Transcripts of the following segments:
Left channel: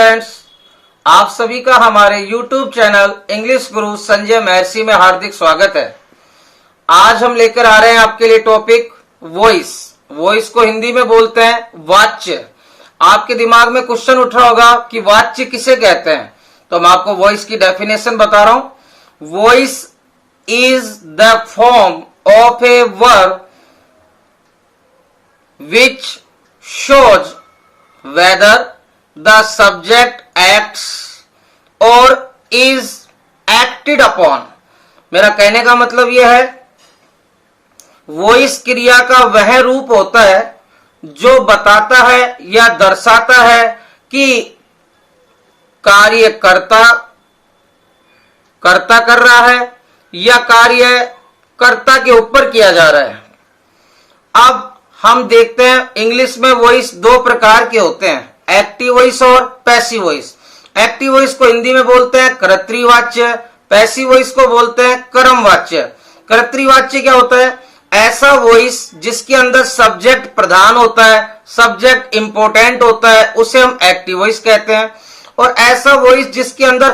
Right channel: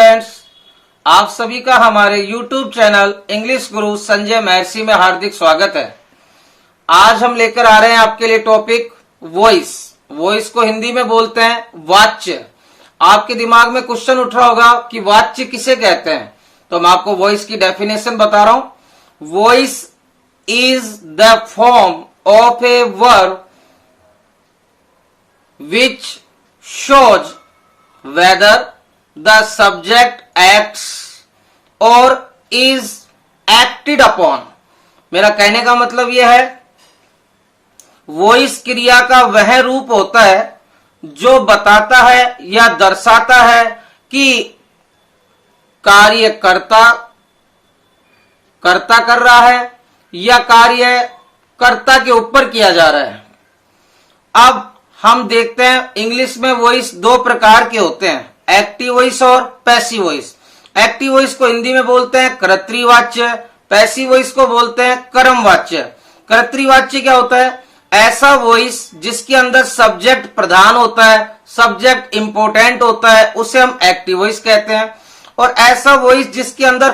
Students, आप सभी का हमारे YouTube चैनल इंग्लिश गुरु संजय महर्षि में हार्दिक स्वागत है। आज हम लेकर आ रहे हैं आपके लिए टॉपिक वॉइस। वॉइस को हिंदी में बोलते हैं वाच्य। आपके दिमाग में क्वेश्चन उठ रहा होगा कि वाच्य किसे कहते हैं, तो मैं आपको वॉइस की डेफिनेशन बता रहा हूं। Voice is the form of a verb which shows whether the subject acts or is acted upon। मेरा कहने का मतलब यह है, वॉइस क्रिया का वह रूप होता है जो बताता है या दर्शाता है कि कार्य कर्ता कर रहा है या कार्य कर्ता के ऊपर किया जा रहा है। अब हम देखते हैं इंग्लिश में वॉइस दो प्रकार के होते हैं, एक्टिव वॉइस और पैसिव वॉइस। एक्टिव वॉइस को हिंदी में बोलते हैं कर्तृवाच्य, पैसिव वॉइस को बोलते हैं कर्मवाच्य। कर्तृवाच्य क्या होता है? ऐसा वॉइस जिसके अंदर सब्जेक्ट प्रधान होता है, सब्जेक्ट इंपोर्टेंट होता है, उसे हम एक्टिव वॉइस कहते हैं। और ऐसा वॉइस जिसके अंदर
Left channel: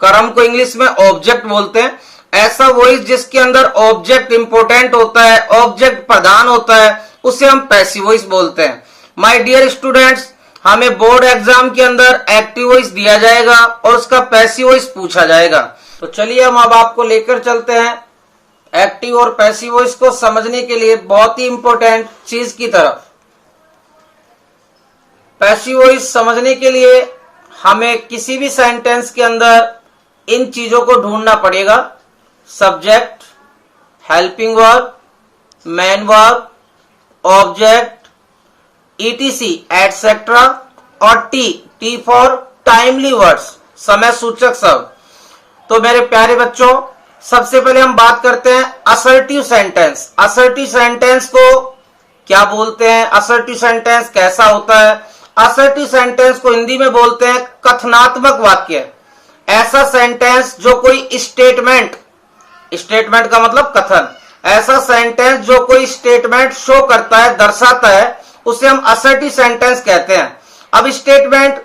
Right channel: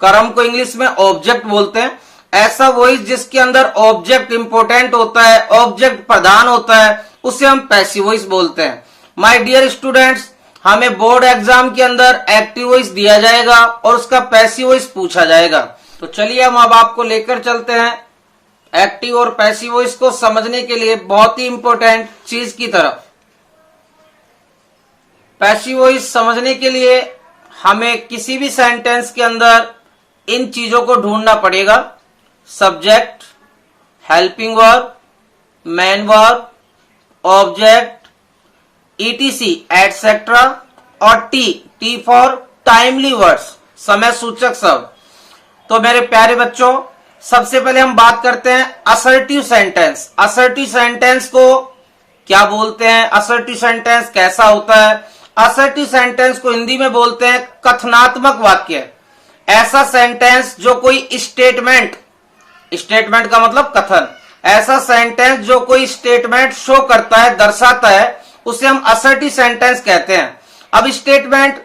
कर्म को इंग्लिश में ऑब्जेक्ट बोलते हैं। ऐसा वॉइस जिसके अंदर ऑब्जेक्ट इंपोर्टेंट होता है, ऑब्जेक्ट प्रधान होता है, उसे हम पैसिव वॉइस बोलते हैं। माय डियर स्टूडेंट्स, हमें बोर्ड एग्जाम के अंदर एक्टिव वॉइस दिया जाएगा और उसका पैसिव वॉइस पूछा जाएगा। तो चलिए हम अब आपको लेकर चलते हैं एक्टिव और पैसिव वॉइस को समझने के लिए बहुत ही इंपॉर्टेंट चीज की तरफ। पैसिव वॉइस समझने के लिए हमें किसी भी सेंटेंस के अंदर इन चीजों को ढूंढना पड़ेगा: subject, helping verb, main verb, object, etc etcetera और टी फॉर टाइमली वर्ड्स, समय सूचक शब्द। तो मेरे प्यारे बच्चों, सबसे पहले हम बात करते हैं असर्टिव सेंटेंस। असर्टिव सेंटेंस को क्या बोलते हैं? असर्टिव सेंटेंस कैसा होता है? असर्टिव सेंटेंस को हिंदी में बोलते हैं कथनात्मक वाक्य। ऐसा सेंटेंस जो कोई स्टेटमेंट का मतलब कथन, ऐसा सेंटेंस जो कोई स्टेटमेंट शो करता है, दर्शाता है, उसे हम असर्टिव सेंटेंस कहते हैं। अब स्टेटमेंट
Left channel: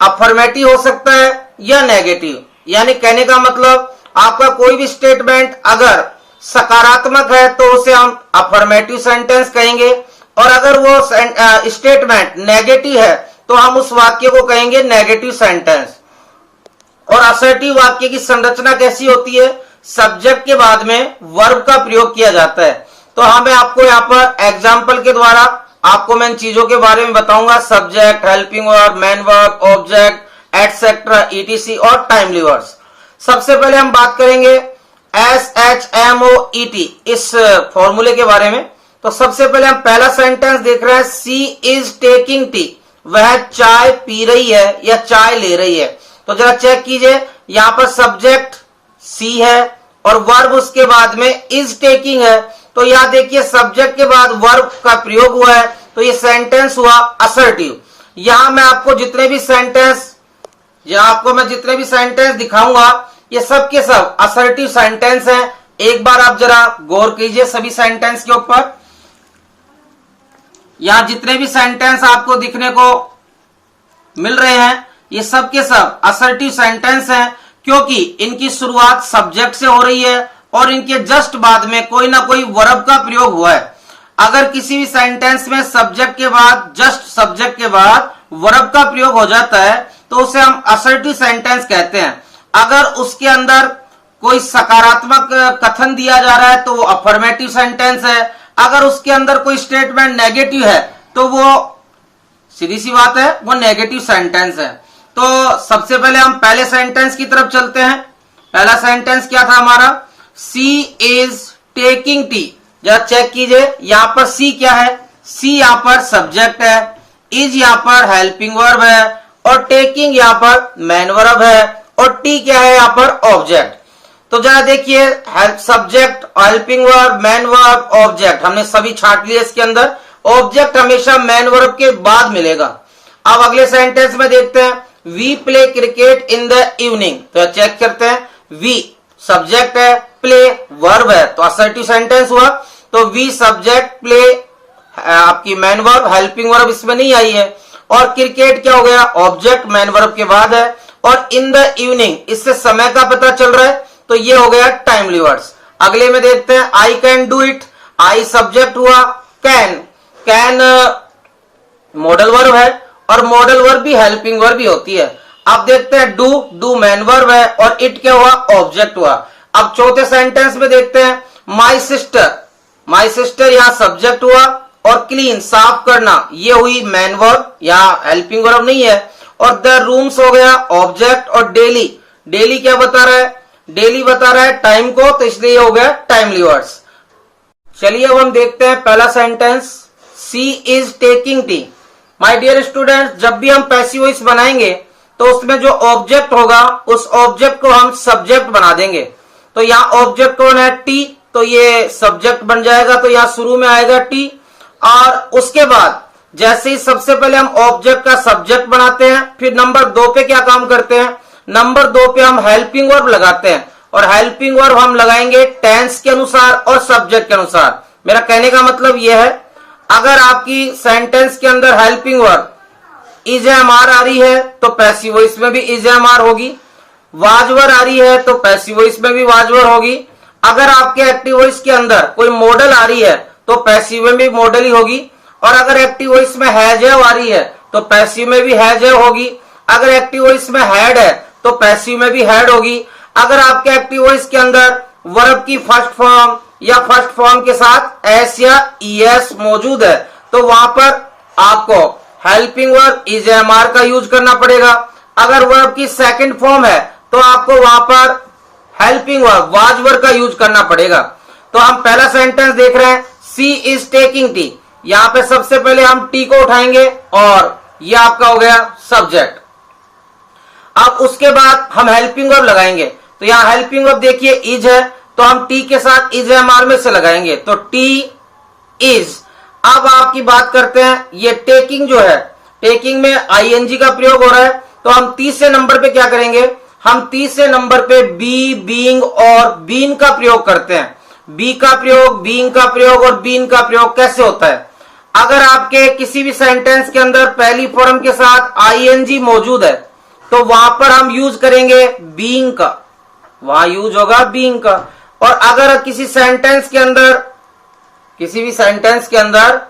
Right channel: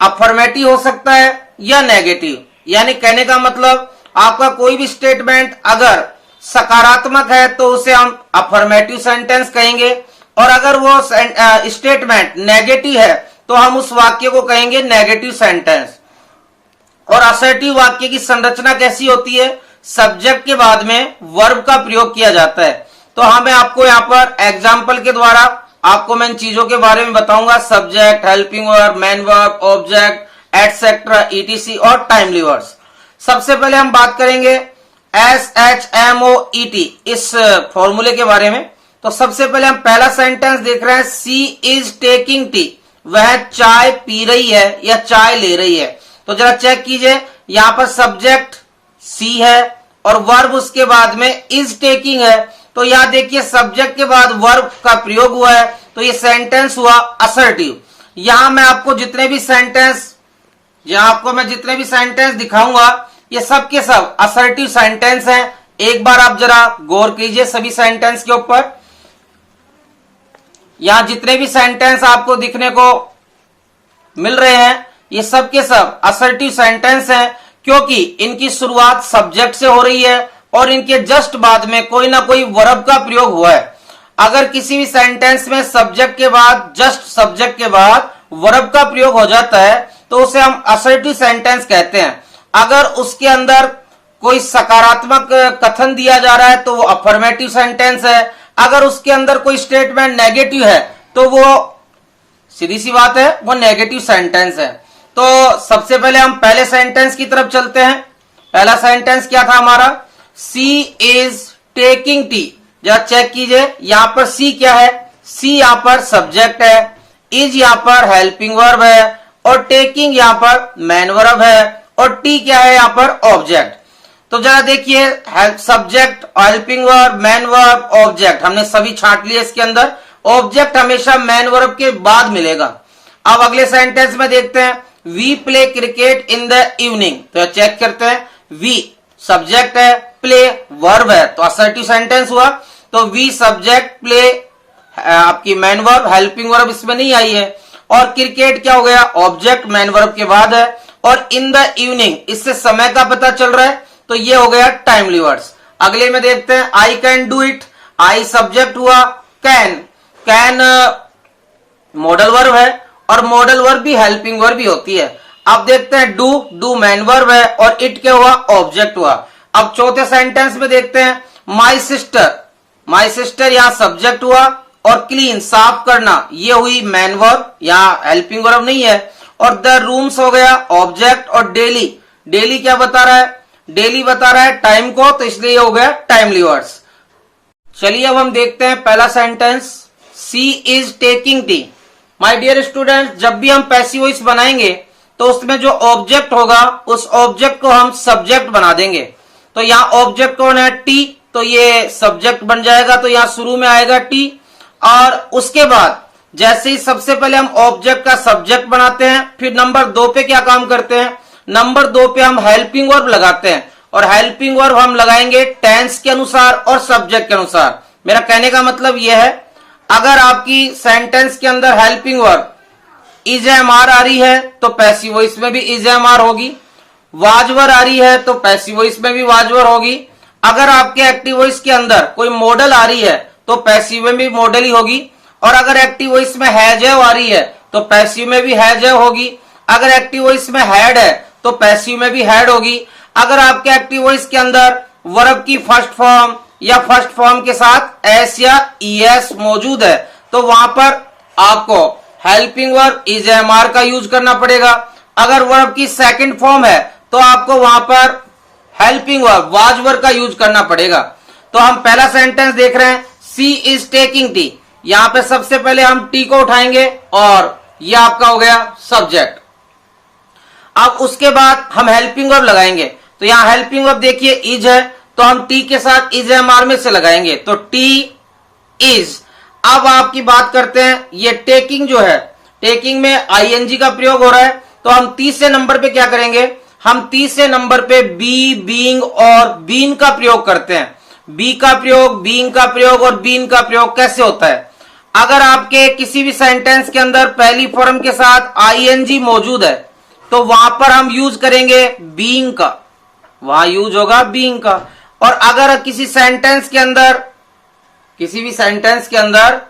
अफर्मेटिव हो सकता है या नेगेटिव, यानी कहने का मतलब आपका कोई भी स्टेटमेंट अगर सकारात्मक है तो उसे हम अफर्मेटिव सेंटेंस कहेंगे, और अगर वो स्टेटमेंट नेगेटिव है तो हम उस वाक्य को कहेंगे नेगेटिव सेंटेंस। और असर्टिव वाक्य की संरचना कैसी होती है? सब्जेक्ट के बाद में वर्ब का प्रयोग किया जाता है। तो मैं आपको यहाँ पर एग्जाम्पल के द्वारा आपको मैं इन चीजों के बारे में बताऊंगा: subject, helping verb, main verb, object, etcetera, etc और टाइमली वर्ड्स। सबसे पहले हम बात करेंगे SHMOET इस फॉर्मूले के बारे में। तो सबसे पहले हम पहला सेंटेंस देख रहे हैं, सी इज टेकिंग टी। वह चाय पी रही है या चाय ले रही है। तो जरा चेक कीजिए, यहां पर सब्जेक्ट सी है और वर्ब उसके बाद में इज टेकिंग है। तो यहां देखिए सब्जेक्ट के बाद वर्ब का प्रयोग हुआ है, तो ये सेंटेंस हुआ असर्टिव। यहां मैं आपको जितने भी सेंटेंस दिखाऊंगा, ये सब के सब असर्टिव सेंटेंस हैं। एक बार आप जरा गौर कीजिए सभी सेंटेंस के ऊपर। यहां जितने भी सेंटेंस आपको दिखने को मिल रहे हैं, ये सब के सब असर्टिव सेंटेंस हैं, क्योंकि इनकी शुरुआत सब्जेक्ट से हो रही है और इनके जस्ट बाद में कोई ना कोई वर्ब का प्रयोग हुआ है। अगर किसी भी सेंटेंस में सब्जेक्ट के बाद, जस्ट सब्जेक्ट के बाद वर्ब का प्रयोग हो जाता है तो उसे हम असर्टिव सेंटेंस कहते हैं। अगर उसके अंदर कोई सकारात्मक कथन दिया जा रहा है तो वो अफर्मेटिव सेंटेंस है। अगर उसके अंदर कोई स्टेटमेंट नेगेटिव है तो वो सीधी सी बात है, वो नेगेटिव सेंटेंस है। तो सबसे पहले हम पहले सेंटेंस की तरफ चलते हैं। पहला सेंटेंस क्या था हमारा? सी इज टेकिंग टी। जरा चेक कीजिए, यहां पर सी क्या है? सी यहां पर सब्जेक्ट है, इज यहां पर हेल्पिंग वर्ब है और टेकिंग यहां पर मेन वर्ब है, और टी क्या है यहां पर? ऑब्जेक्ट। तो जरा देखिए, subject, helping verb, main verb, object हमने सभी छांट लिए इसके अंदर। ऑब्जेक्ट हमेशा मेन वर्ब के बाद मिलेगा। अब अगले सेंटेंस में देखते हैं, we play cricket in the evening. तो चेक करते हैं, वी सब्जेक्ट है, प्ले वर्ब है, तो असर्टिव सेंटेंस हुआ। तो वी सब्जेक्ट, प्ले आपकी मेन वर्ब, हेल्पिंग वर्ब इसमें नहीं आई है। और क्रिकेट क्या हो गया, ऑब्जेक्ट मैन वर्ब के बाद है। और इन द इवनिंग, इससे समय का पता चल रहा है, तो ये हो गया टाइमली वर्ड्स। अगले में देखते हैं, I can do it, I subject हुआ, कैन मॉडल वर्ब है, और मॉडल वर्ब भी हेल्पिंग वर्ब भी होती है। अब देखते हैं, डू मैन वर्ब है, और इट क्या हुआ, ऑब्जेक्ट हुआ। अब चौथे सेंटेंस में देखते हैं, माई सिस्टर यहां सब्जेक्ट हुआ, और क्लीन साफ करना ये हुई मैन वर्ब, यहां हेल्पिंग वर्ब नहीं है। और द रूम्स हो गया ऑब्जेक्ट, और डेली क्या बता रहा है, डेली बता रहा है टाइम को, तो इसलिए हो गया टाइमली वर्ड्स। चलिए अब हम देखते हैं पहला sentence, she is taking tea. My dear student, जब भी हम पैसिव वॉइस बनाएंगे तो उसमें जो ऑब्जेक्ट होगा उस ऑब्जेक्ट को हम सब्जेक्ट बना देंगे। तो यहाँ ऑब्जेक्ट कौन है, टी, तो ये सब्जेक्ट बन जाएगा, तो यहाँ शुरू में आएगा टी। और उसके बाद जैसे ही सबसे पहले हम ऑब्जेक्ट का सब्जेक्ट बनाते हैं, फिर नंबर 2 पे क्या काम करते हैं, नंबर 2 पे हम हेल्पिंग वर्ब लगाते हैं, और हेल्पिंग वर्ब हम लगाएंगे टेंस के अनुसार और सब्जेक्ट के अनुसार। मेरा कहने का मतलब यह है, अगर आपकी सेंटेंस के अंदर helping verb is am are आ रही है तो पैसिव वॉइस में भी इज एम आर होगी, वाजवर आ रही है तो पैसिव वॉइस में भी वाजवर होगी। अगर आपके एक्टिव वॉइस के अंदर कोई मॉडल आ रही है तो पैसिव में भी मॉडल ही होगी, और अगर एक्टिव वॉइस में हैज हैव आ रही है तो पैसिव में भी हैज हैव होगी। अगर एक्टिव वॉइस में हैड है तो पैसिव में भी हैड होगी। अगर आपके एक्टिव वॉइस के अंदर वर्ब की फर्स्ट फॉर्म या फर्स्ट फॉर्म के साथ एस या ईएस मौजूद है तो वहां पर आपको helping verb is am are का यूज करना पड़ेगा। अगर वर्ब की सेकंड फॉर्म है तो आपको वहां पर हेल्पिंग वर्ब वाज वर्ब का यूज करना पड़ेगा। तो हम पहला सेंटेंस देख रहे हैं, सी इज टेकिंग टी। यहां पे सबसे पहले हम टी को उठाएंगे और ये आपका हो गया सब्जेक्ट। अब उसके बाद हम हेल्पिंग वर्ब लगाएंगे, तो यहां हेल्पिंग वर्ब देखिए इज है, तो हम टी के साथ इज एम आर में से लगाएंगे, तो टी इज। अब आपकी बात करते हैं, ये टेकिंग जो है, टेकिंग में आईएनजी का प्रयोग हो रहा है, तो हम तीसरे नंबर पे क्या करेंगे, हम तीसरे नंबर पे बी, बीइंग और बीन का प्रयोग करते हैं। बी का प्रयोग, बीइंग का प्रयोग और बीन का प्रयोग कैसे होता है, अगर आपके किसी भी सेंटेंस के अंदर पहली फॉर्म के साथ आईएनजी मौजूद है तो वहां पर हम यूज करेंगे बीइंग का, वहां यूज होगा बीइंग का। और अगर किसी सेंटेंस के अंदर, किसी भी सेंटेंस के अंदर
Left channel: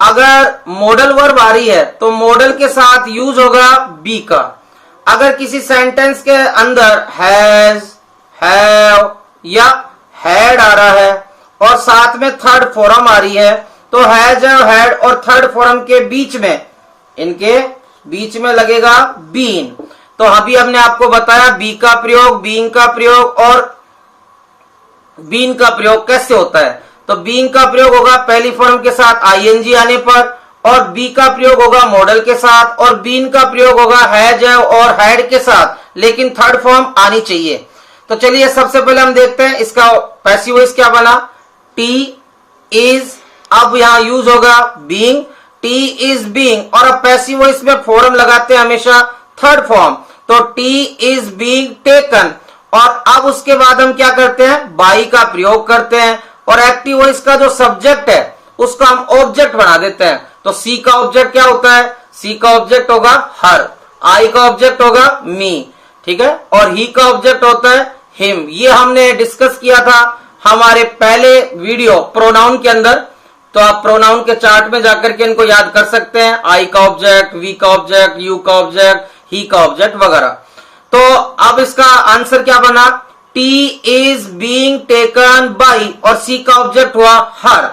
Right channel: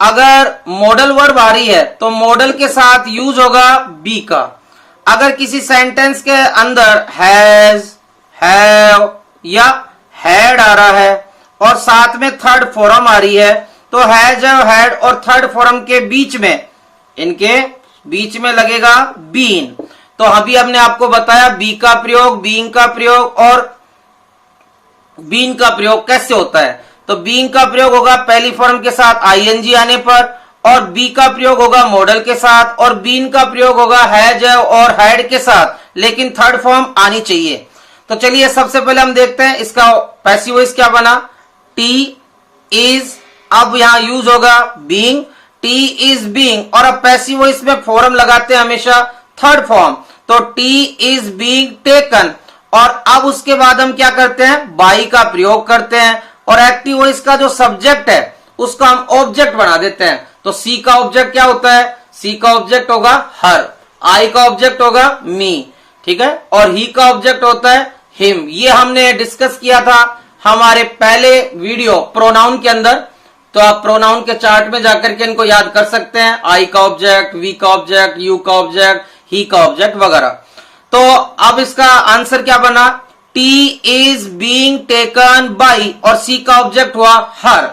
अगर मॉडल वर्ब आ रही है तो मॉडल के साथ यूज होगा बी का। अगर किसी सेंटेंस के अंदर हैज, हैव या हैड आ रहा है और साथ में थर्ड फॉर्म आ रही है तो हैज, हैड और थर्ड फॉर्म के बीच में, इनके बीच में लगेगा बीन। तो अभी हमने आपको बताया बी का प्रयोग, बीइंग का प्रयोग और बीन का प्रयोग कैसे होता है। तो बीइंग का प्रयोग होगा पहली फॉर्म के साथ आईएनजी आने पर, और बी का प्रयोग होगा मॉडल के साथ, और बीन का प्रयोग होगा हैज और हैड के साथ, लेकिन थर्ड फॉर्म आनी चाहिए। तो चलिए सबसे पहले हम देखते हैं इसका पैसिव वॉइस क्या बना, टी इज। अब यहां यूज होगा बीइंग, टी इज बीइंग, और अब पैसिव वॉइस में फॉर्म लगाते हैं हमेशा थर्ड फॉर्म, तो टी इज बीइंग टेकन। और अब उसके बाद हम क्या करते हैं, बाई का प्रयोग करते हैं, और एक्टिव वॉइस का जो सब्जेक्ट है उसको हम ऑब्जेक्ट बना देते हैं। तो सी का ऑब्जेक्ट क्या होता है, सी का ऑब्जेक्ट होगा हर, आई का ऑब्जेक्ट होगा मी, ठीक है, और ही का ऑब्जेक्ट होता है हिम। ये हमने डिस्कस किया था हमारे पहले वीडियो प्रोनाउन के अंदर, तो आप प्रोनाउन के चार्ट में जाकर के इनको याद कर सकते हैं, आई का ऑब्जेक्ट, वी का ऑब्जेक्ट, यू का ऑब्जेक्ट, ही का ऑब्जेक्ट वगैरह। तो अब इसका आंसर क्या बना, T is being taken by, और सी का ऑब्जेक्ट हुआ हर।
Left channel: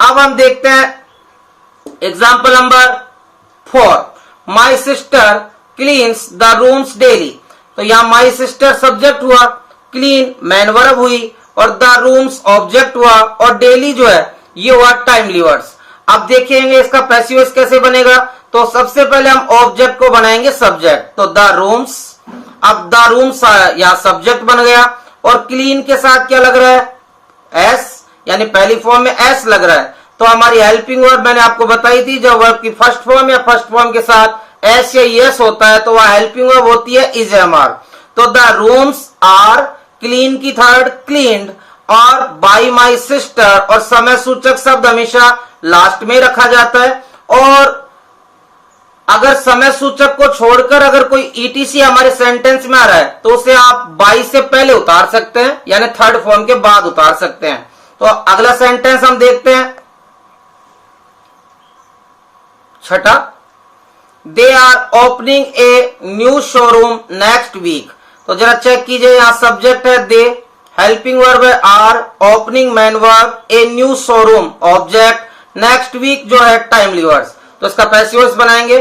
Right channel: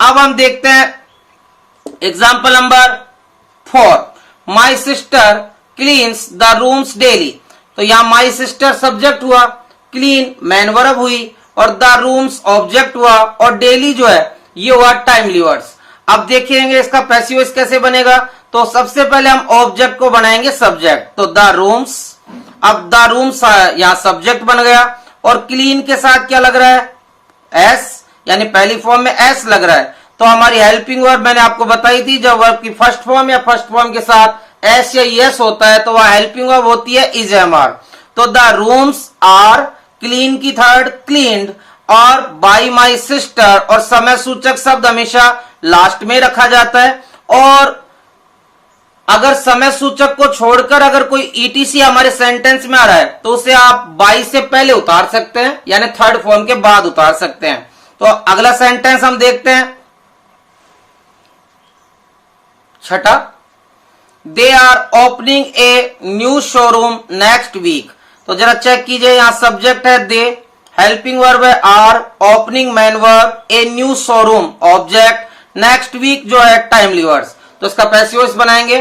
अब हम देखते हैं example number 4, my sister cleans the rooms daily. तो यहां माई सिस्टर सब्जेक्ट हुआ, क्लीन मैन वर्ब हुई, और द रूम्स ऑब्जेक्ट हुआ, और डेली जो है ये हुआ टाइमली वर्ड्स। अब देखेंगे इसका पैसिव वॉइस कैसे बनेगा। तो सबसे पहले हम ऑब्जेक्ट को बनाएंगे सब्जेक्ट, तो द रूम्स। अब द रूम्स यहां सब्जेक्ट बन गया, और क्लीन के साथ क्या लग रहा है, एस, यानी पहली फॉर्म में एस लग रहा है। तो हमारी हेल्पिंग वर्ब मैंने आपको बताई थी, जब वर्ब की फर्स्ट फॉर्म या फर्स्ट फॉर्म के साथ एस या यस होता है तो वह हेल्पिंग वर्ब होती है इज एम आर। तो द रूम्स आर, क्लीन की थर्ड क्लीन्ड, और बाई माई सिस्टर, और समय सूचक शब्द हमेशा लास्ट में रखा जाता है, और अगर समय सूचक को छोड़कर अगर कोई ईटीसी हमारे सेंटेंस में आ रहा है तो उसे आप बाई से पहले उतार सकते हैं, यानी थर्ड फॉर्म के बाद उतार सकते हैं। तो अगला सेंटेंस हम देखते हैं, छठा, they are opening a new showroom next week. तो जरा चेक कीजिए, यहां सब्जेक्ट है दे, हेल्पिंग वर्ब है are, opening main verb, a new showroom object, next week जो है टाइमली वर्ड्स। तो इसका पैसिव वॉइस बनाएंगे,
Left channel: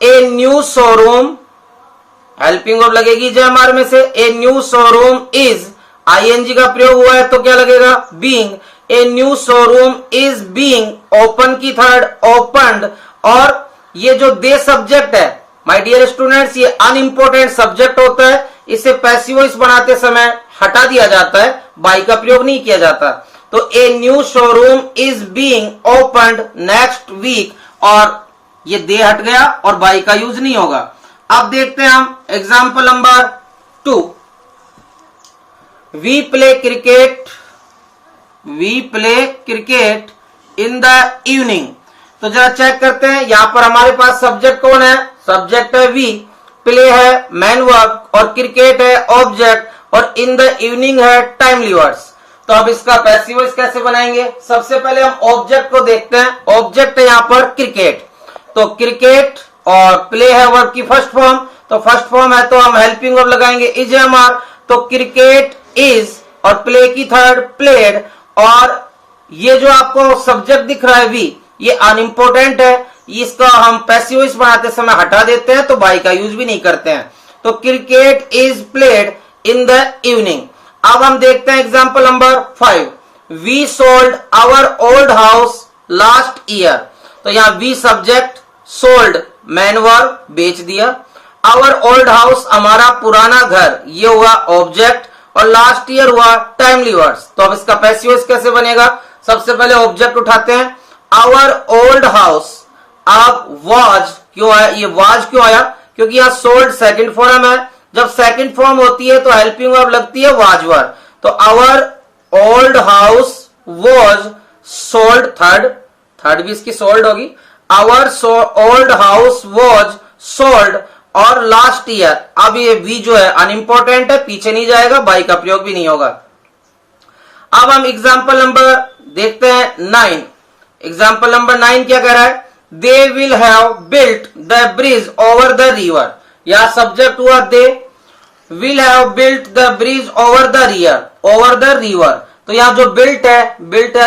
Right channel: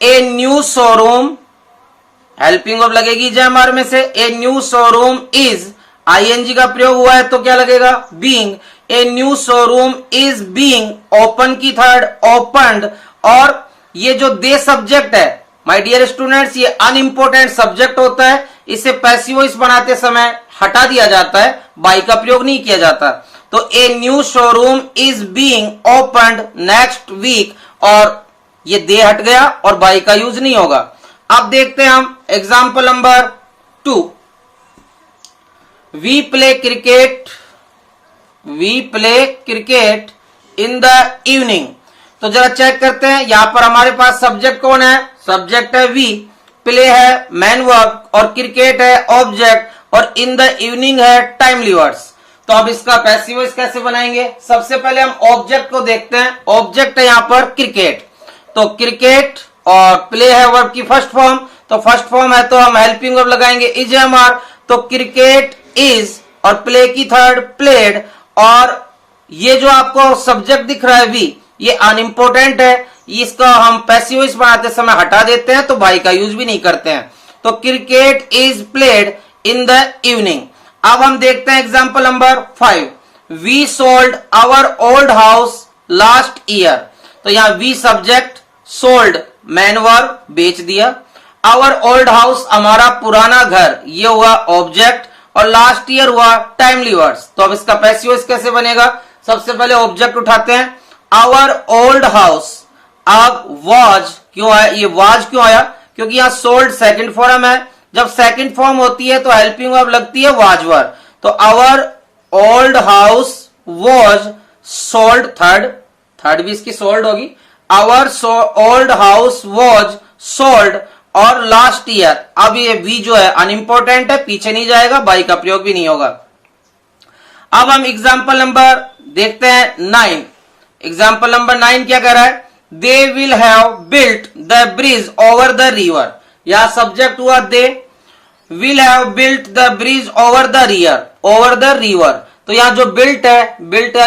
a new showroom, helping verb लगेगी जेएमआर में से, a new showroom is, ING का प्रयोग हुआ है तो क्या लगेगा, being, a new showroom is being open की थर्ड ओपन्ड। और ये जो दे सब्जेक्ट है माय डियर स्टूडेंट्स, ये अनइम्पोर्टेंट सब्जेक्ट होता है, इसे पैसिव वॉइस बनाते समय हटा दिया जाता है, बाई का प्रयोग नहीं किया जाता। तो a new showroom is being opened next week, और ये दे हट गया और बाई का यूज नहीं होगा। अब देखते हैं हम example number 2, we play cricket in the evening. तो जरा चेक करते हैं, यहां पर हमारे पास सब्जेक्ट कौन है, सब्जेक्ट है वी, प्ले है मैन वर्ब और क्रिकेट है ऑब्जेक्ट और इन द इवनिंग है टाइमली वर्ड्स। तो अब इसका पैसिव वॉइस कैसे बनाएंगे, सबसे पहले हम ऑब्जेक्ट को देखते हैं। ऑब्जेक्ट है यहां पर क्रिकेट, तो क्रिकेट और प्ले है वर्ब की फर्स्ट फॉर्म, तो फर्स्ट फॉर्म है तो हम हेल्पिंग वर्ब लगाएंगे इज एमआर, तो क्रिकेट इज और प्ले की थर्ड प्लेड। और ये जो आपको सब्जेक्ट दिख रहा है वी, ये अनइम्पोर्टेंट है, इसका हम पैसिव वॉइस बनाते समय हटा देते हैं, तो बाई का यूज भी नहीं करते हैं। तो cricket is played in the evening. अब हम देखते हैं example number 5, we sold our old house last year. तो यहां we subject, sold main verb बेच दिया, आवर ओल्ड हाउस हमारा पुराना घर, ये हुआ ऑब्जेक्ट, और लास्ट ईयर हुआ टाइमली वर्ड्स। तो अब इसका पैसिव वॉइस कैसे बनेगा, सबसे पहले ऑब्जेक्ट उठाते हैं, आवर ओल्ड हाउस। अब वाज क्यों आया, ये वाज क्यों आया, क्योंकि यहां सोल्ड सेकंड फॉर्म है, जब सेकंड फॉर्म होती है तो हेल्पिंग वर्ब लगती है वाज वर्ब। तो our old house was sold, third भी इसकी सोल्ड होगी, our old house was sold, और लास्ट ईयर। अब ये वी जो है अनइम्पोर्टेंट है, पीछे नहीं जाएगा, बाई का प्रयोग भी नहीं होगा। अब हम एग्जाम्पल नंबर देखते हैं 9। एग्जाम्पल नंबर 9 क्या कह रहा है, they will have built the bridge over the river. यह सब्जेक्ट हुआ they, will have built the bridge over the river. तो यहां जो बिल्ट है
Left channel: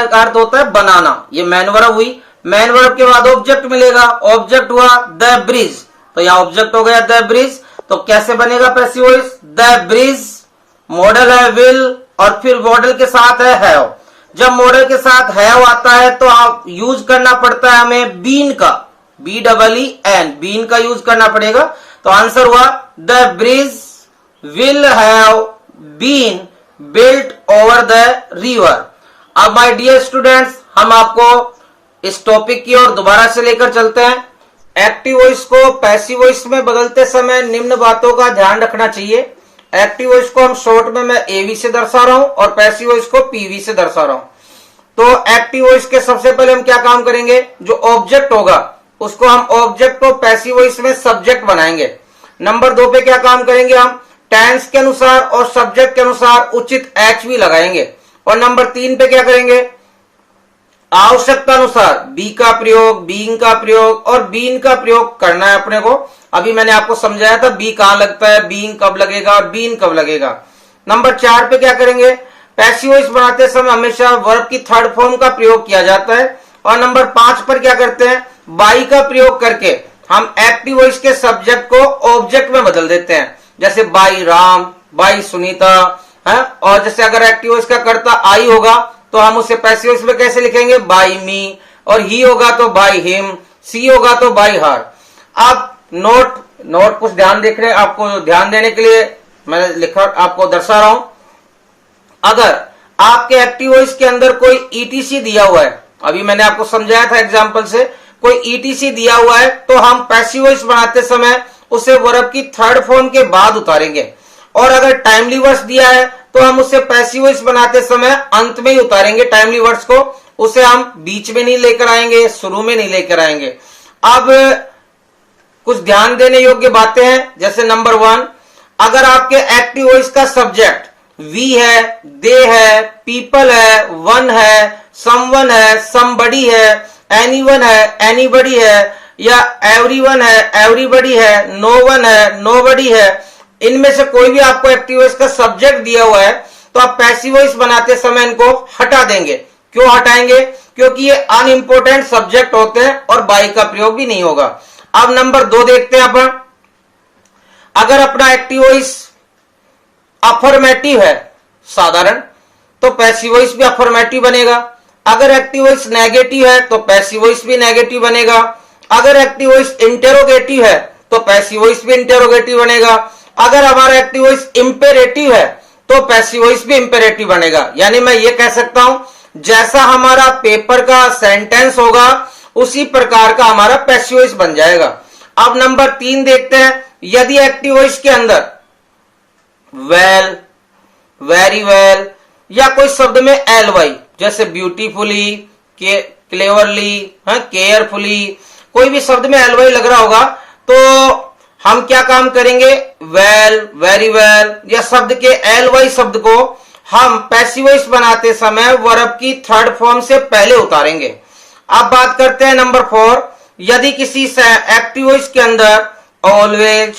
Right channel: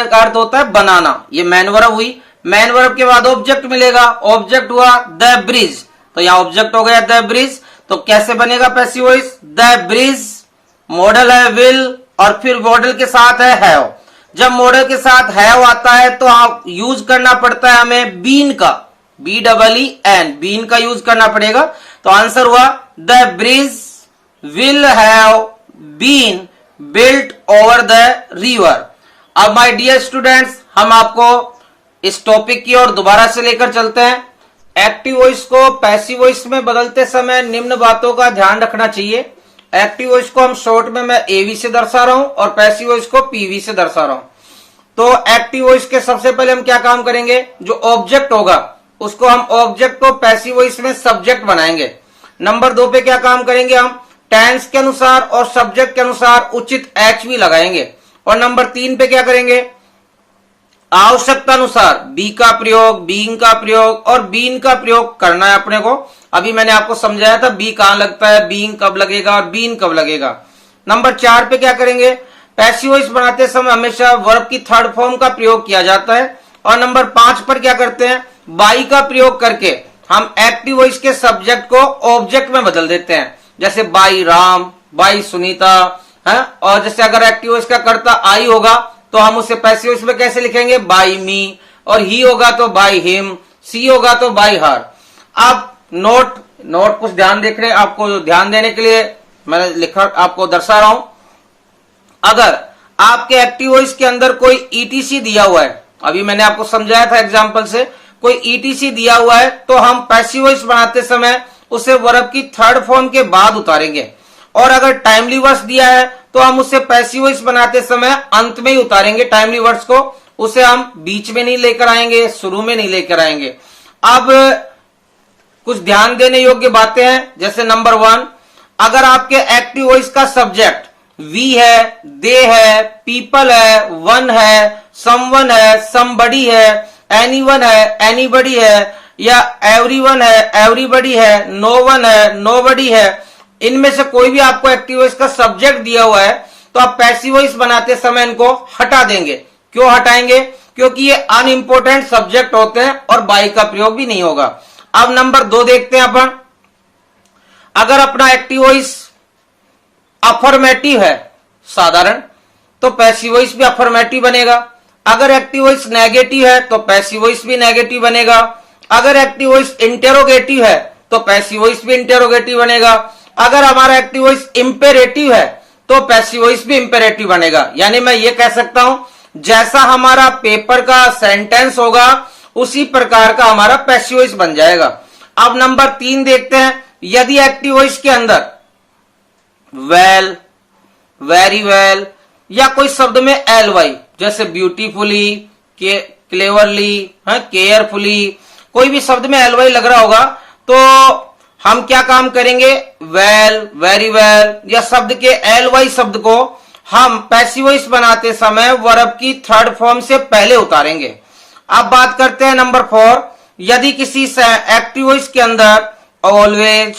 का अर्थ होता है बनाना, ये मैन वर्ब हुई, मैन वर्ब के बाद ऑब्जेक्ट मिलेगा, ऑब्जेक्ट हुआ द ब्रिज, तो यहां ऑब्जेक्ट हो गया द ब्रिज। तो कैसे बनेगा passive voice, the bridge, model है विल और फिर मॉडल के साथ है हैव। जब मॉडल के साथ हैव आता है तो आप यूज करना पड़ता है हमें बीन का, BEEN, बीन का यूज करना पड़ेगा। तो आंसर हुआ the bridge will have been built over the river. अब माय डियर स्टूडेंट्स, हम आपको इस टॉपिक की ओर दोबारा से लेकर चलते हैं। एक्टिव वॉइस को पैसिव वॉइस में बदलते समय निम्न बातों का ध्यान रखना चाहिए। एक्टिव वॉइस को हम शॉर्ट में मैं एवी से दर्शा रहा हूं और पैसिव वॉइस को पीवी से दर्शा रहा हूं। तो एक्टिव वॉइस के सबसे पहले हम क्या काम करेंगे, जो ऑब्जेक्ट होगा उसको हम ऑब्जेक्ट को पैसिव वॉइस में सब्जेक्ट बनाएंगे। नंबर 2 पे क्या काम करेंगे, हम टेंस के अनुसार और सब्जेक्ट के अनुसार उचित एक्स भी लगाएंगे। और नंबर 3 पे क्या करेंगे, आवश्यकता अनुसार बी का प्रयोग, बीइंग का प्रयोग और बीन का प्रयोग करना है अपने को। अभी मैंने आपको समझाया था बी कहां लगता है, बीइंग कब लगेगा और बीन कब लगेगा। नंबर 4 पे क्या करेंगे, पैसिव वॉइस बनाते समय हमेशा वर्ब की थर्ड फॉर्म का प्रयोग किया जाता है। और नंबर 5 पर क्या करते हैं, बाई का प्रयोग करके हम एक्टिव वॉइस के सब्जेक्ट को ऑब्जेक्ट में बदल देते हैं, जैसे बाई राम, बाई सुनीता है। और जैसे अगर एक्टिव वॉइस का कर्ता आई होगा तो हम उसे पैसिव वॉइस में कैसे लिखेंगे, बाई मी, और ही होगा तो बाई हिम, सी होगा तो बाई हर। अब नोट कुछ ध्यान देख रहे हैं, आपको ध्यान देने के लिए मैंने लिखा, आपको दर्शा रहा हूं। अगर आपके एक्टिव वॉइस के अंदर कोई ईटीसी दिया हुआ है, अभी मैंने आपको समझाया था एग्जाम्पल से, कोई ईटीसी दिया हुआ है तो हम पैसिव वॉइस बनाते समय उसे वर्ब की थर्ड फॉर्म के बाद उतारेंगे। और अगर टाइमली वर्ड्स दिया है तो हम उसे पैसिव वॉइस बनाते समय अंत में ही उतारेंगे टाइमली वर्ड्स को, उसे हम बीच में नहीं लेकर आएंगे, शुरू में नहीं लेकर आएंगे। अब कुछ ध्यान देने योग्य बातें हैं। जैसे नंबर 1, अगर आपके एक्टिव वॉइस का सब्जेक्ट वी है, दे है, पीपल है, वन है, समवन है, समबडी है, एनीवन है, एनीबडी है, या एवरीवन है, एवरीबडी है, नो वन है, नोबडी है, इनमें से कोई भी आपको एक्टिव वॉइस का सब्जेक्ट दिया हुआ है तो आप पैसिव वॉइस बनाते समय इनको हटा देंगे। क्यों हटाएंगे? क्योंकि ये अनइंपोर्टेंट सब्जेक्ट होते हैं और बाई का प्रयोग भी नहीं होगा। अब नंबर 2 देखते हैं अपन। अगर अपना एक्टिव वॉइस अफर्मेटिव है साधारण, तो पैसिव वॉइस भी अफर्मेटिव बनेगा। अगर एक्टिव वॉइस नेगेटिव है तो पैसिव वॉइस भी नेगेटिव बनेगा। अगर एक्टिव वॉइस इंटेरोगेटिव है तो पैसिव वॉइस भी इंटेरोगेटिव बनेगा। अगर हमारा एक्टिव वॉइस इंपेरेटिव है तो पैसिव वॉइस भी इंपेरेटिव बनेगा। यानी मैं ये कह सकता हूं, जैसा हमारा पेपर का सेंटेंस होगा उसी प्रकार का हमारा पैसिव वॉइस बन जाएगा। अब नंबर 3 देखते हैं। यदि एक्टिव वॉइस के अंदर वेल, वेरी वेल या कोई शब्द में एल वाई, जैसे ब्यूटीफुली, क्लेवरली, केयरफुली, कोई भी शब्द में एल वाई लग रहा होगा तो हम क्या काम करेंगे? वेल, वेरी वेल या शब्द के एल वाई शब्द को हम पैसिव वॉइस बनाते समय वर्ब की थर्ड फॉर्म से पहले उतारेंगे। अब बात करते हैं नंबर 4। यदि किसी एक्टिव वॉइस के अंदर always,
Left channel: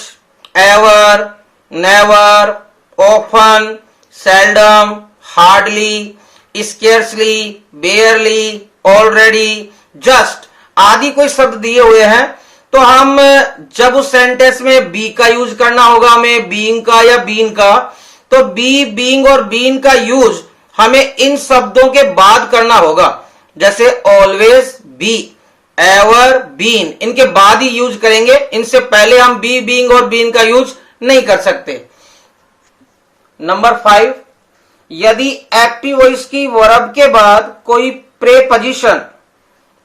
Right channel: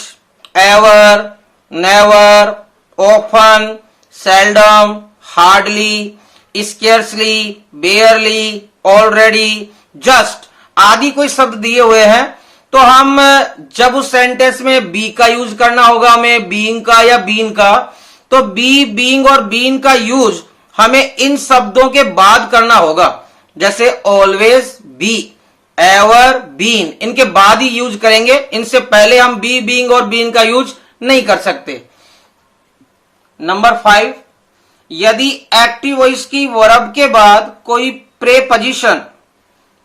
ever, never, often, seldom, hardly, scarcely, बेयरली, already, just आदि कोई शब्द दिए हुए हैं तो हम जब उस सेंटेंस में बी का यूज करना होगा हमें, बीइंग का या बीन का, तो बी, बीइंग और बीन का यूज हमें इन शब्दों के बाद करना होगा। जैसे ऑलवेज, बी, एवर, बीन, इनके बाद ही यूज करेंगे। इनसे पहले हम बी, बीइंग और बीन का यूज नहीं कर सकते। नंबर 5, यदि एक्टिव वॉइस की वर्ब के बाद कोई प्रेपोजिशन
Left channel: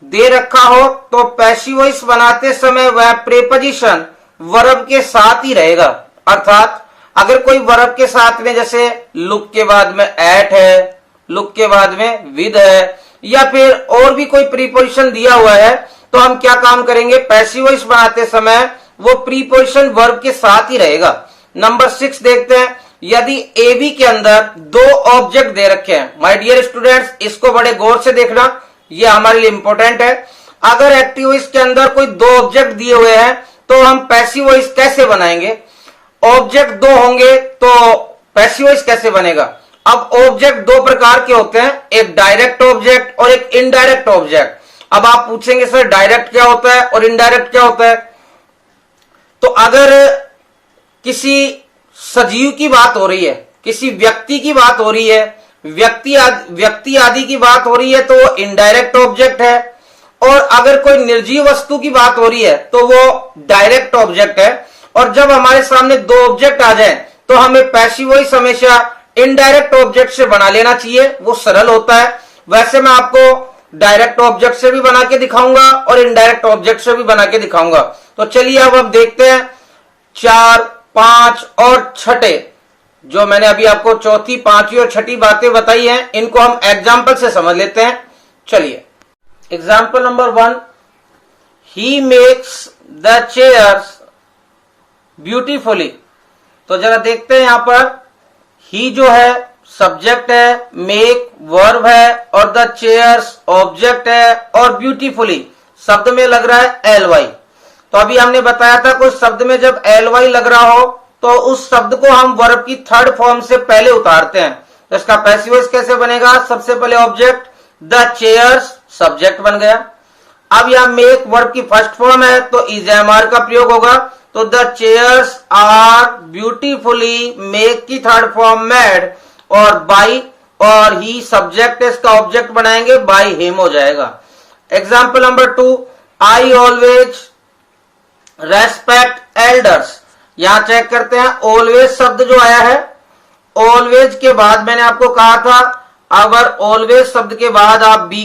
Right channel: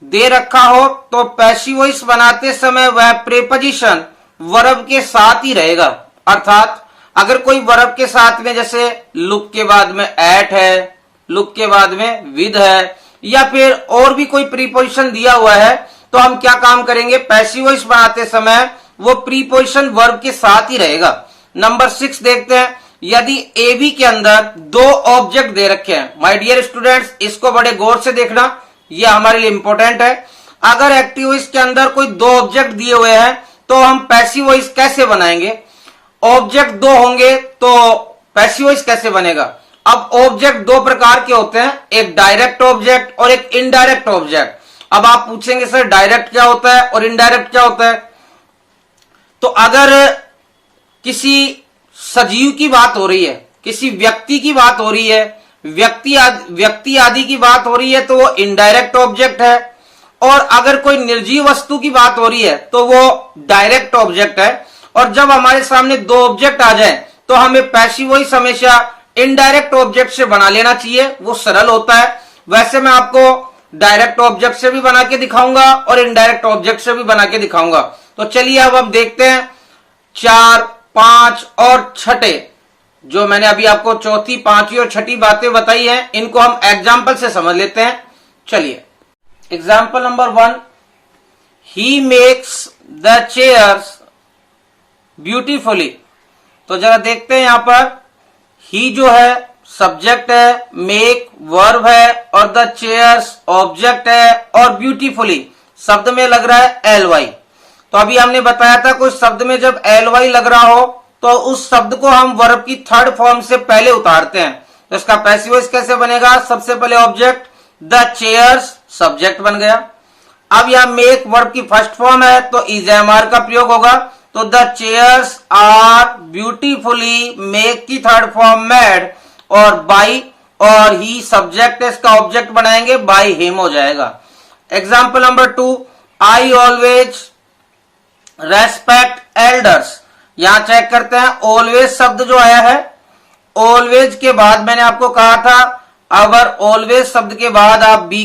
दे रखा हो तो पैसिव वॉइस बनाते समय वह प्रेपोजिशन वर्ब के साथ ही रहेगा। अर्थात अगर कोई वर्ब के साथ में, जैसे लुक के बाद में एट है, लुक के बाद में विद है, या फिर और भी कोई प्रीपोजिशन दिया हुआ है तो हम क्या काम करेंगे? पैसिव वॉइस बनाते समय वो प्रीपोजिशन वर्ब के साथ ही रहेगा। नंबर 6 देखते हैं। यदि ए बी के अंदर 2 ऑब्जेक्ट दे रखे हैं, माय डियर स्टूडेंट्स इसको बड़े गौर से देखना, ये हमारे लिए इंपॉर्टेंट है। अगर एक्टिव वॉइस के अंदर कोई 2 ऑब्जेक्ट दिए हुए हैं तो हम पैसिव वॉइस कैसे बनाएंगे? ऑब्जेक्ट 2 होंगे तो पैसिव वॉइस कैसे बनेगा? अब ऑब्जेक्ट 2 प्रकार के होते हैं, एक डायरेक्ट ऑब्जेक्ट और एक इनडायरेक्ट ऑब्जेक्ट। अब आप पूछेंगे सर डायरेक्ट क्या होता है और इनडायरेक्ट क्या होता है? तो अगर किसी सजीव की बात हो रही है, किसी व्यक्ति की बात हो रही है, व्यक्ति आदि की बात हो रही है तो वो इनडायरेक्ट ऑब्जेक्ट है। और अगर कोई निर्जीव वस्तु की बात हो रही है तो वो डायरेक्ट ऑब्जेक्ट है। और जब हमारे सामने 2 ऑब्जेक्ट आ जाए तो हमें पैसिव वॉइस हमेशा इनडायरेक्ट ऑब्जेक्ट से बना लेना चाहिए, वो सरल होता है। वैसे मैं आपको डायरेक्ट ऑब्जेक्ट से भी बना के दिखाऊंगा और इनडायरेक्ट ऑब्जेक्ट से भी बना के दिखाऊंगा। तो चलिए अब देखते हैं 4, 5 और 6 जो मैंने अभी आपको चौथी, 5वीं और 6ठी बातें बताई हैं, इनको हम एग्जाम्पल से समझ लेते हैं। चलिए example number 1, he makes the chairs beautifully. तो जरा देखते हैं यहां पर, ही जो है सब्जेक्ट है, मेक वर्ब है और द चेयर्स ऑब्जेक्ट है और ब्यूटीफुली शब्द में लग रहा है एल वाई। तो अभी हमने बताया था कोई शब्द में जब एल वाई लग रहा हो तो उस शब्द को हम वर्ब की थर्ड फॉर्म से पहले उतारते हैं। तो इसका पैसिव वॉइस कैसे बनेगा? सबसे पहले ऑब्जेक्ट द चेयर्स सब्जेक्ट बन गया। अब यहां मेक वर्ब की फर्स्ट फॉर्म है तो इज एम आर का प्रयोग होगा। तो the chairs are beautifully, make की थर्ड फॉर्म मेड और बाई, और ही सब्जेक्ट है, इसका ऑब्जेक्ट बनाएंगे बाई हिम हो जाएगा। Example number 2, I always respect elders. यहां चेक करते हैं ऑलवेज शब्द जो आया है, ऑलवेज के बाद मैंने आपको कहा था अगर ऑलवेज शब्द के बाद आप बी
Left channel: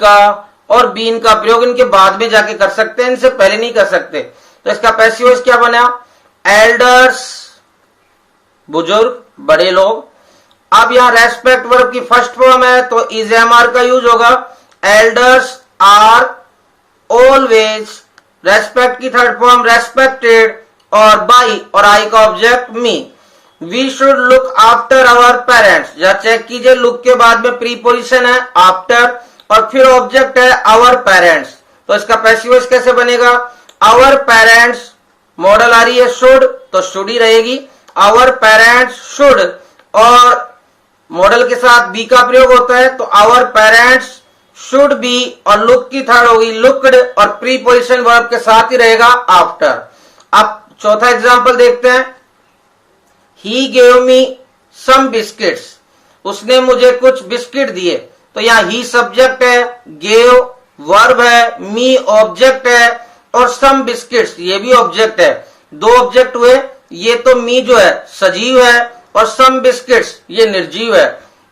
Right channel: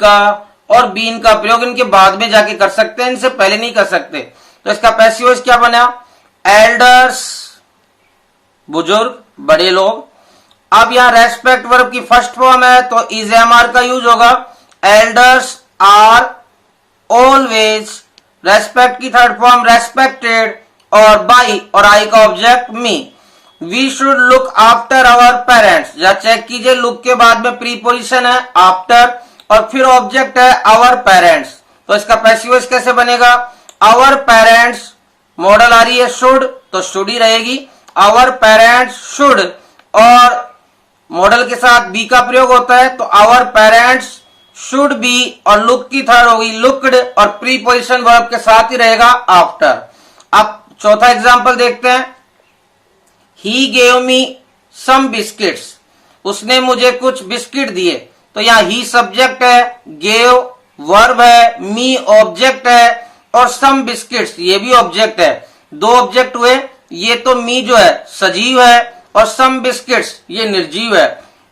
का और बीन का प्रयोग इनके बाद में जाके कर सकते हैं, इनसे पहले नहीं कर सकते। तो इसका पैसिव वॉइस क्या बना? एल्डर्स बुजुर्ग, बड़े लोग। अब यहां रेस्पेक्ट वर्ब की फर्स्ट फॉर्म है तो इज एम आर का यूज होगा। एल्डर्स आर ऑलवेज रेस्पेक्ट की थर्ड फॉर्म रेस्पेक्टेड, और बाई और आई का object me. We should look after our parents, या चेक कीजिए लुक के बाद में प्रीपोजिशन है आफ्टर और फिर ऑब्जेक्ट है आवर पेरेंट्स, तो इसका पैसिव वॉइस कैसे बनेगा? आवर पेरेंट्स, मॉडल आ रही है शुड, तो शुड ही रहेगी। आवर पेरेंट्स शुड, और मॉडल के साथ बी का प्रयोग होता है, तो आवर पेरेंट्स शुड बी, और लुक की थर्ड होगी लुक्ड, और प्रीपोजिशन वर्ब के साथ ही रहेगा आफ्टर। अब चौथा एग्जांपल देखते हैं। He gave me some biscuits, उसने मुझे कुछ बिस्किट दिए, तो यहाँ ही सब्जेक्ट है, गेव वर्ब है, मी ऑब्जेक्ट है, और सम बिस्किट्स ये भी ऑब्जेक्ट है। दो ऑब्जेक्ट हुए, ये तो मी जो है सजीव है और सम बिस्किट्स ये निर्जीव है,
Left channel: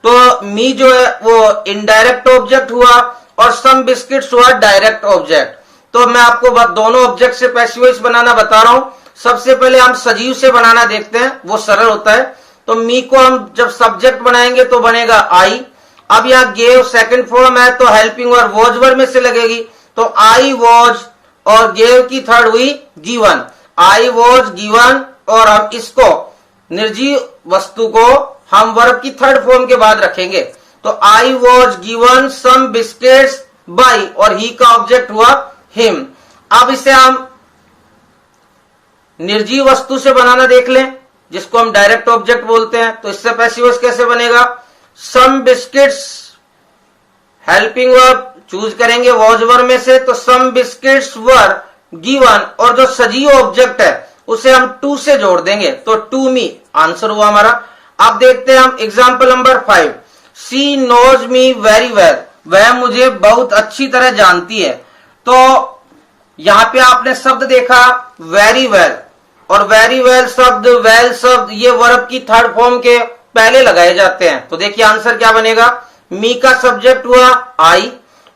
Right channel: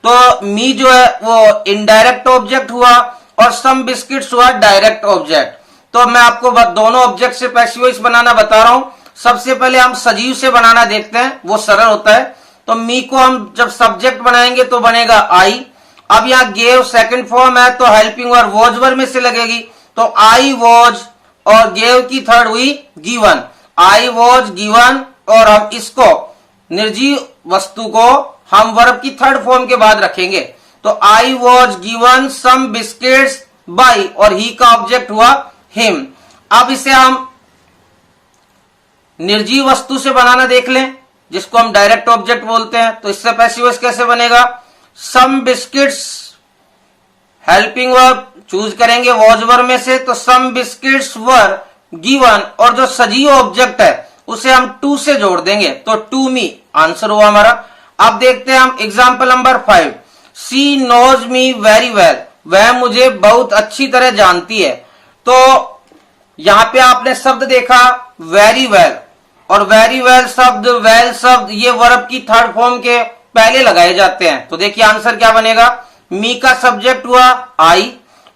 तो मी जो है वो इनडायरेक्ट ऑब्जेक्ट हुआ और सम बिस्किट्स हुआ डायरेक्ट ऑब्जेक्ट। तो मैं आपको दोनों ऑब्जेक्ट से पैसिव वॉइस बनाना बता रहा हूं। सबसे पहले हम सजीव से बनाना देखते हैं, वो सरल होता है। तो मी को हम जब सब्जेक्ट बनाएंगे तो बनेगा आई। अब यहाँ गेव सेकंड फॉर्म है, तो हेल्पिंग वर्ब वॉज वर्ब में से लगेगी, तो आई वॉज, और गेव की थर्ड हुई गिवन, आई वॉज गिवन, और हम इसको निर्जीव वस्तु को हम वर्ब की थर्ड फॉर्म के बाद रखेंगे, तो I was given some biscuits by, और ही का ऑब्जेक्ट हुआ हिम। अब इसे हम निर्जीव वस्तु से बनाना देख लें, जिसको हम डायरेक्ट ऑब्जेक्ट बोलते हैं। तो इससे पैसिव वॉइस कैसे बनेगा? सम बिस्किट्स, हेल्पिंग वर्ब चूज करेंगे वॉज वर्ब में से, तो सम बिस्किट्स वर गिवन, और जो सजीव ऑब्जेक्ट है उसे हम टू से जोड़ देंगे, तो टू मी आंसर हुआ हमारा। अब देखते हैं हम example number 5। She knows me very well, वह मुझे बहुत अच्छी तरह जानती है। तो यहां पे आपने शब्द देखा वेरी वेल, और वेरी वेल शब्द, वेल शब्द ये वर्ब की थर्ड फॉर्म के पहले लगाए जाते हैं। तो देखिए आंसर क्या बनेगा? मी का सब्जेक्ट हुआ आई,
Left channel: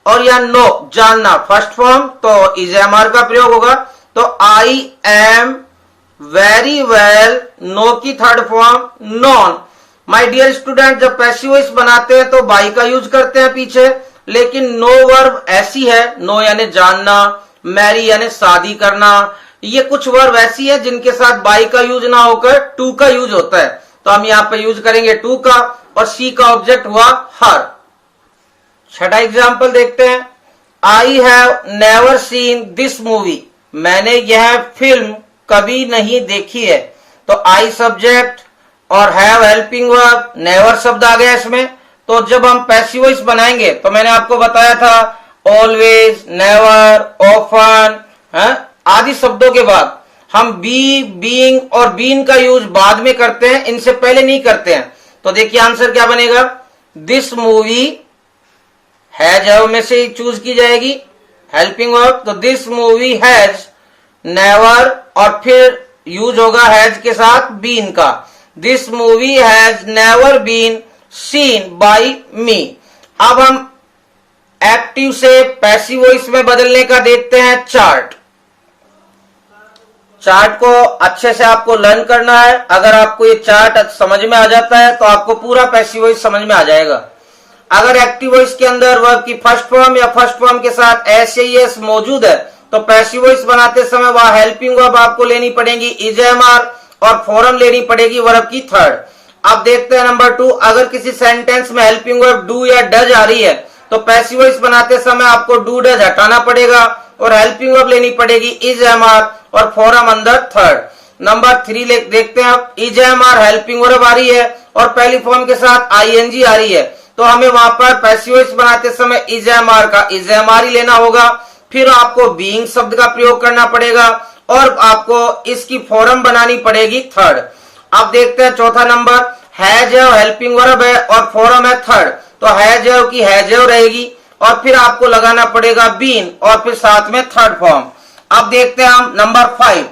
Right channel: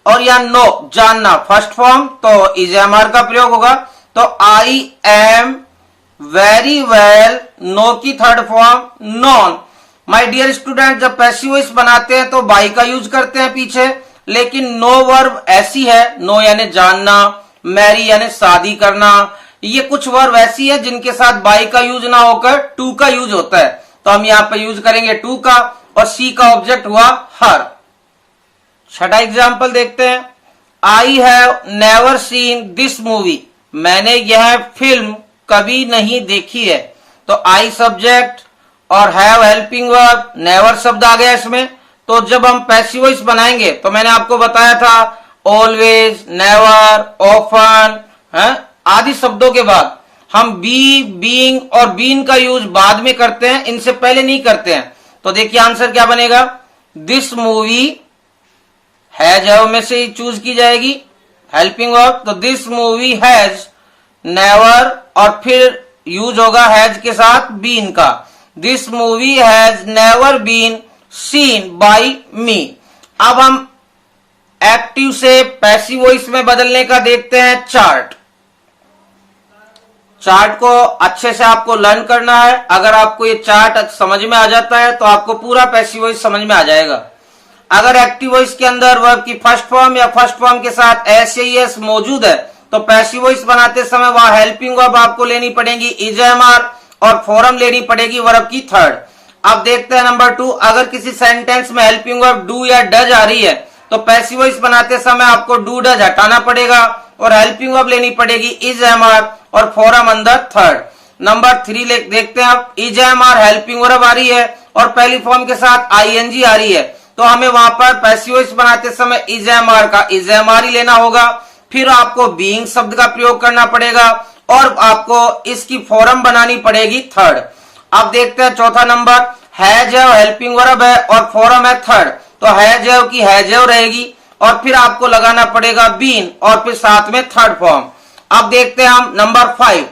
और या नो जानना फर्स्ट फॉर्म, तो इज एम आर का प्रयोग होगा, तो I am very well, know की third form known. My dear student, जब पैसिव वॉइस बनाते हैं तो बाई का यूज करते हैं पीछे, लेकिन नो वर्ब ऐसी है, नो यानी जानना, मैरी यानी शादी करना, ये कुछ वर्ब ऐसी है जिनके साथ बाई का यूज ना होकर टू का यूज होता है, तो हम यहाँ पर यूज करेंगे टू का, और सी का ऑब्जेक्ट हुआ हर। छठा एग्जाम्पल देखते हैं। I have never seen this movie, मैंने यह फिल्म कभी नहीं देखी है, तो आई सब्जेक्ट और हैव हेल्पिंग वर्ब, नेवर शब्द आ गया इसमें। तो जब हम पैसिव वॉइस बनाएंगे तो मैंने आपको बताया था ऑलवेज, नेवर, ऑफन आदि शब्दों के बाद हम बी, बीइंग और बीन का यूज बाद में करते हैं, इनसे पहले नहीं करते हैं। तो देखिए आंसर क्या बनेगा? दिस मूवी हैज हैव में से ही चूज की जाएगी हेल्पिंग वर्ब, तो दिस मूवी हैज नेवर, और फिर यूज होगा हैज के साथ बीन का, this movie has never been seen by me. अब हम एक्टिव से पैसिव वॉइस में बदलने का देखते हैं चार्ट। चार्ट को अच्छे से आपको लर्न करना है। अगर आपको ये चार्ट समझ में आ जाता है तो आपको पूरा पैसिव वॉइस समझ में आ जाएगा। अगर एक्टिव वॉइस के अंदर वर्ब की फर्स्ट फॉर्म या फर्स्ट फॉर्म के साथ एस या एस मौजूद है तो पैसिव वॉइस बनाते समय वहां हेल्पिंग वर्ब आपको लेनी पड़ेगी इज एम आर, और फॉर्म लेनी पड़ेगी वर्ब की थर्ड। अब देखते हैं नंबर 2, अगर किसी सेंटेंस में हेल्पिंग वर्ब डू या डज आ रही है तो पैसिव वॉइस बनाते समय आपको डू डज हटाना पड़ेगा और हेल्पिंग वर्ब लेनी पड़ेगी इज एम आर और फॉर्म अंदर थर्ड। नंबर 3 देखते हैं आप, is am are helping verb आ रही है और पहली फॉर्म के साथ आईएनजी आ रही है, तो हमें वहां पर पैसिव वॉइस बनाते समय इज एम आर का इज एम आर ही लेना होगा। फिर आपको बीइंग शब्द का प्रयोग करना पड़ेगा और आपको इसकी फॉर्म बनानी पड़ेगी थर्ड। अब देखते हैं चौथा नंबर, हैज हेल्पिंग वर्ब है और फॉर्म है थर्ड, तो हैज की हैज रहेगी और फिर आपको लगाना पड़ेगा बीन और फिर साथ में थर्ड फॉर्म। अब देखते हैं हम नंबर 5,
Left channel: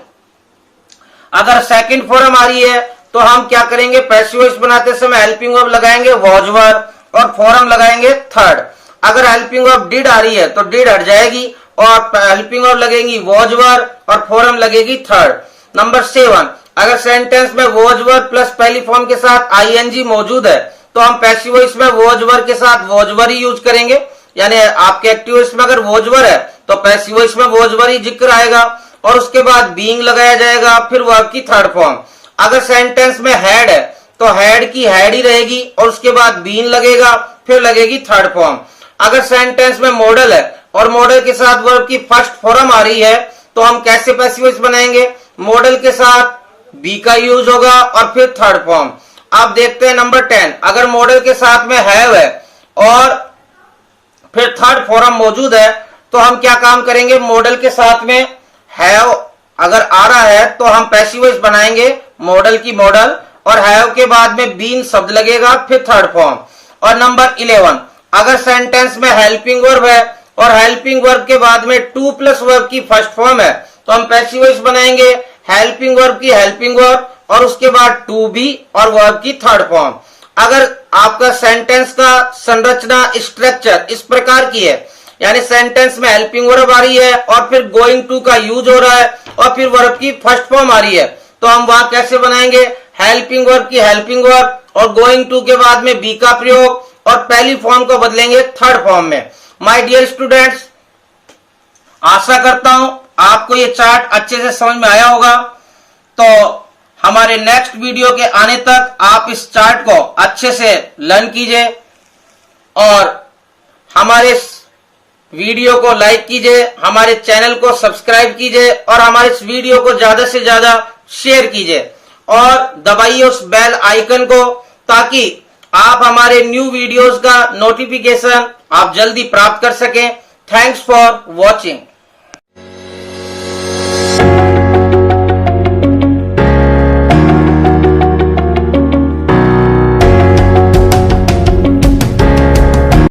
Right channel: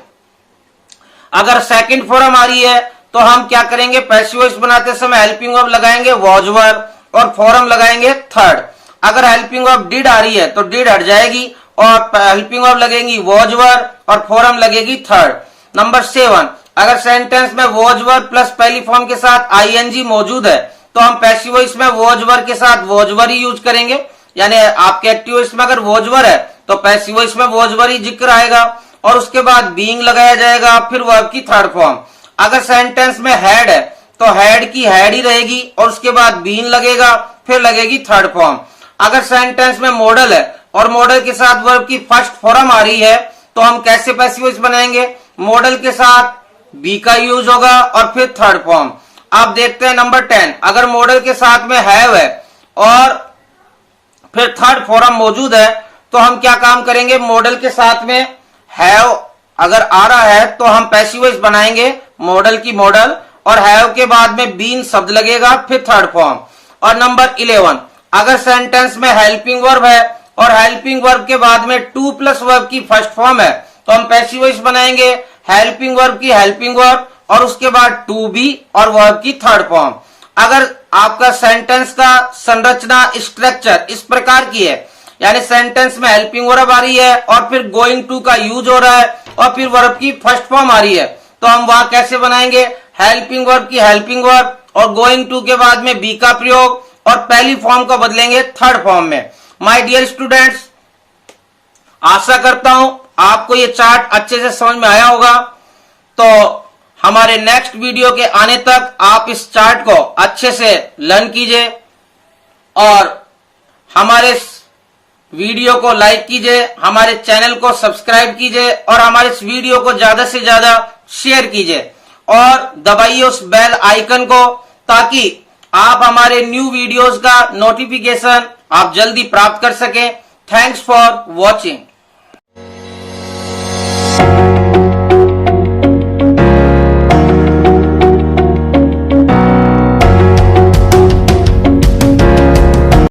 अगर सेकंड फॉर्म आ रही है तो हम क्या करेंगे, पैसिव वॉइस बनाते समय हेल्पिंग वर्ब लगाएंगे वॉज वर्ब और फॉर्म लगाएंगे थर्ड। अगर हेल्पिंग वर्ब डिड आ रही है तो डिड हट जाएगी और हेल्पिंग वर्ब लगेगी वॉज वर्ब और फॉर्म लगेगी थर्ड। नंबर 7, अगर सेंटेंस में वॉज वर्ब प्लस पहली फॉर्म के साथ आईएनजी मौजूद है तो हम पैसिव वॉइस में वॉज वर्ब के साथ वॉज वर्ब ही यूज करेंगे, यानी आपके एक्टिव वॉइस में अगर वॉज वर्ब है तो पैसिव वॉइस में वॉज वर ही जिक्र आएगा और उसके बाद बीइंग लगाया जाएगा, फिर वर्ब की थर्ड फॉर्म। अगर सेंटेंस में हैड है तो हैड की हैड ही रहेगी और उसके बाद बीन लगेगा, फिर लगेगी थर्ड फॉर्म। अगर सेंटेंस में मॉडल है और मॉडल के साथ वर्ब की फर्स्ट फॉर्म आ रही है तो हम कैसे पैसिव वॉइस बनाएंगे? मॉडल के साथ बी का यूज होगा और फिर थर्ड फॉर्म। आप देखते हैं नंबर 10, अगर मॉडल के साथ में हैव है और फिर थर्ड फॉर्म मौजूद है तो हम क्या काम करेंगे? मॉडल के साथ में हैव अगर आ रहा है तो हम पैसिव वॉइस बनाएंगे मॉडल की मॉडल, और हैव के बाद में बीन शब्द लगेगा, फिर थर्ड फॉर्म। और नंबर 11, अगर सेंटेंस में हेल्पिंग वर्ब है और हेल्पिंग वर्ब के बाद में टू प्लस वर्ब की फर्स्ट फॉर्म है तो हम पैसिव वॉइस बनाएंगे हेल्पिंग वर्ब की हेल्पिंग वर्ब और उसके बाद टू बी और वर्ब की थर्ड फॉर्म। अगर आपका सेंटेंस का संरचना स्ट्रक्चर इस प्रकार की है, यानी सेंटेंस में हेल्पिंग वर्ब आ रही है और फिर गोइंग टू का यूज हो रहा है और फिर वर्ब की फर्स्ट फॉर्म आ रही है, तो हम वहां कैसे बनाएंगे? हेल्पिंग वर्ब की हेल्पिंग वर्ब और गोइंग टू के बाद में बी का प्रयोग और पहली फॉर्म को बदलेंगे थर्ड फॉर्म में। माय डियर स्टूडेंट्स, आशा करता हूं आपको ये चार्ट अच्छे से समझ में आया होगा। तो हमारे नेक्स्ट वीडियो के आने तक आप इस चार्ट को अच्छे से लर्न कीजिए और हमारे इस वीडियो को लाइक कीजिए, हमारे चैनल को सब्सक्राइब कीजिए और हमारे इस वीडियो को ज्यादा से ज्यादा शेयर कीजिए और दबाइए उस बेल आइकन को ताकि आप हमारे न्यू वीडियोस का नोटिफिकेशन आप जल्दी प्राप्त कर सकें। Thanks for watching.